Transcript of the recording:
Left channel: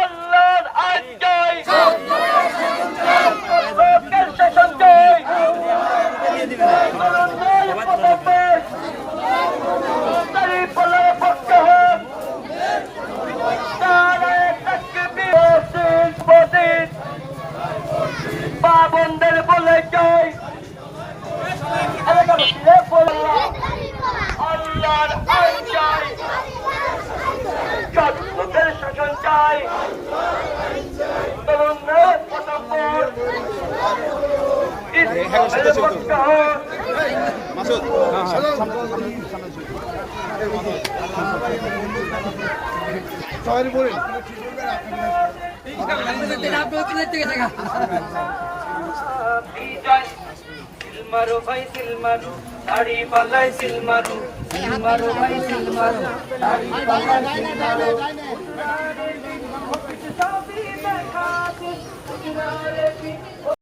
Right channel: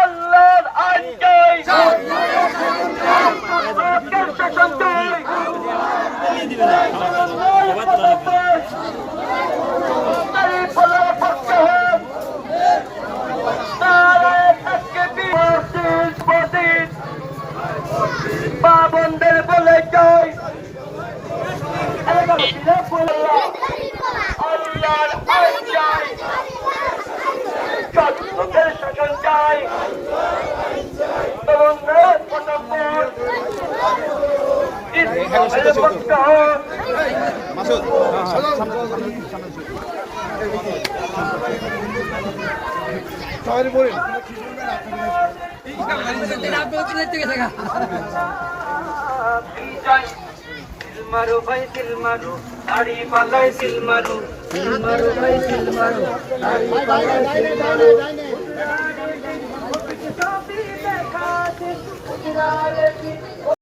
আল্লাহর আইন চাই, শাসন চাই, মা বোনদের বলে চাই আল্লাহর আইন চাই, লোকের শাসন চাই, তরুণদের পটাপট মারো ভাই সিল মারো, দাড়ি পাল্লাই সিল মারো, সিল মারো ভাই সিল মারো, দাড়ি পাল্লাই সিল মারো।